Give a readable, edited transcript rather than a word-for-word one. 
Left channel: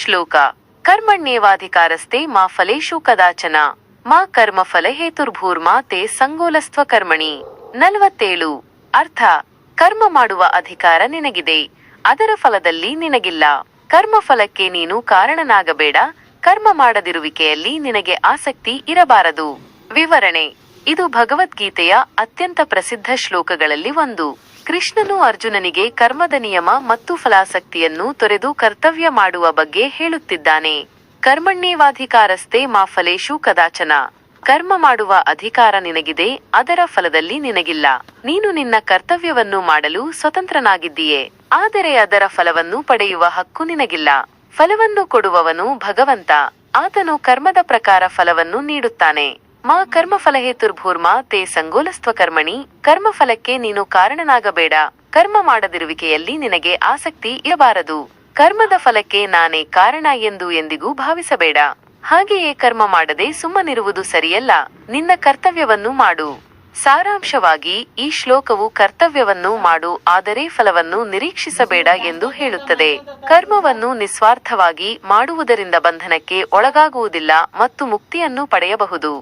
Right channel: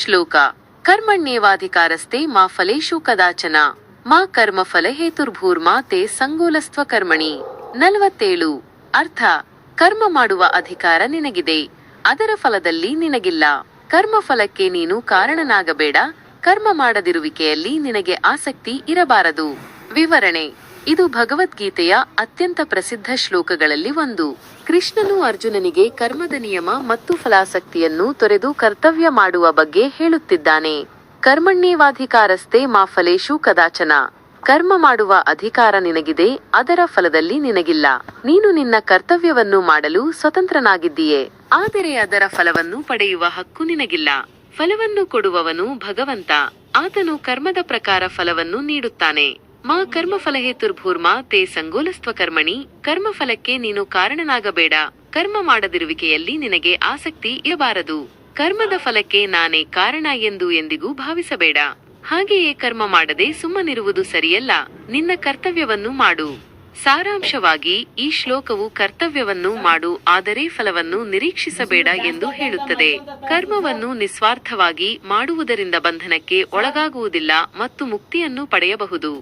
ಶ್ಲೋಕ ಕರ್ಮಣ್ಯೇವಾಧಿಕಾರಸ್ತೆ ಮಾ ಫಲೇಷು ಕದಾಚನ ಮಾ ಕರ್ಮಫಲ ಹೇತುರ್ಭೂರ್ಮಾ ತೇ ಸಂಗೋಲಸ್ತ್ವ ಕರ್ಮಣಿ. 47. ಅರ್ಥ: ಕರ್ಮ ಮಾಡುವ ಅಧಿಕಾರ ನಿನಗಿದೆ, ಅದರ ಫಲದಲ್ಲಿ ನಿನಗಿಲ್ಲ. ಕರ್ಮಫಲಕ್ಕೆ ನೀನು ಕಾರಣನಾಗಬೇಡ, ಕರ್ಮ ಮಾಡದಿರುವಿಕೆಯಲ್ಲಿ ನಿನಗೆ ಆಸಕ್ತಿ ಇರಬಾರದು. ವಿವರಣೆ: ಇದು ಭಗವದ್ಗೀತೆಯ ಅತ್ಯಂತ ಪ್ರಸಿದ್ಧ ಶ್ಲೋಕಗಳಲ್ಲಿ ಒಂದು. ಕೃಷ್ಣನು ಅರ್ಜುನನಿಗೆ ಕರ್ಮದ ನಿಯಮ ಮತ್ತು ಫಲಾಸಕ್ತಿಯನ್ನು ತೊರೆದು ಕರ್ತವ್ಯ ಮಾಡುವ ಬಗ್ಗೆ ಹೇಳುತ್ತಿದ್ದಾನೆ. ಕರ್ಮಣ್ಯೇವಾಧಿಕಾರಸ್ತೆ ಮಾ ಫಲೇಷು ಕದಾಚನ. ಕರ್ಮ ಮಾಡುವ ಅಧಿಕಾರ ನಿನಗಿದೆ, ಅದರ ಫಲದಲ್ಲಿ ನಿನಗಿಲ್ಲ. ನೀನು ನಿನ್ನ ಕರ್ತವ್ಯವನ್ನು ಮಾಡಲು ಸ್ವತಂತ್ರನಾಗಿದ್ದೀಯೆ, ಆದರೆ ಅದರ ಫಲವನ್ನು ಪಡೆಯುವ ಹಕ್ಕು ನಿನಗಿಲ್ಲ. ಫಲವನ್ನು ಕೊಡುವವನು ಭಗವಂತ, ಆತನು ಕರ್ಮದ ಪ್ರಕಾರ ಫಲವನ್ನು ನೀಡುತ್ತಾನೆ. ಮಾ ಕರ್ಮಫಲ ಹೇತುರ್ಭೂರ್ಮಾ ತೇ ಸಂಗೋಲಸ್ತ್ವ ಕರ್ಮಣಿ. ಕರ್ಮಫಲಕ್ಕೆ ನೀನು ಕಾರಣನಾಗಬೇಡ, ಕರ್ಮ ಮಾಡದಿರುವಿಕೆಯಲ್ಲಿ ನಿನಗೆ ಆಸಕ್ತಿ ಇರಬಾರದು. ಕರ್ಮದ ಫಲಕ್ಕೆ ನಾನೇ ಕಾರಣ ಎಂದು ಎಂದಿಗೂ ಭಾವಿಸಬೇಡ. ಹಾಗೆಯೇ ಕರ್ಮ ಮಾಡದೆ ಸುಮ್ಮನಿರುವುದು ಸರಿಯಲ್ಲ, ನಿನ್ನ ಕರ್ತವ್ಯವನ್ನು ಮಾಡು. ಸಾರಾಂಶವಾಗಿ ಈ ಶ್ಲೋಕವು ಕರ್ತವ್ಯವನ್ನು ಮಾಡು, ಆದರೆ ಫಲವನ್ನು ನಿರೀಕ್ಷಿಸಬೇಡ ಎಂದು ಹೇಳುತ್ತದೆ. ಕರ್ಮವನ್ನು ನಿಸ್ವಾರ್ಥವಾಗಿ ಮಾಡುವುದರಿಂದ ಬಂಧನಕ್ಕೆ ಒಳಗಾಗುವುದಿಲ್ಲ ಮತ್ತು ಮುಕ್ತಿಯನ್ನು ಪಡೆಯಬಹುದು.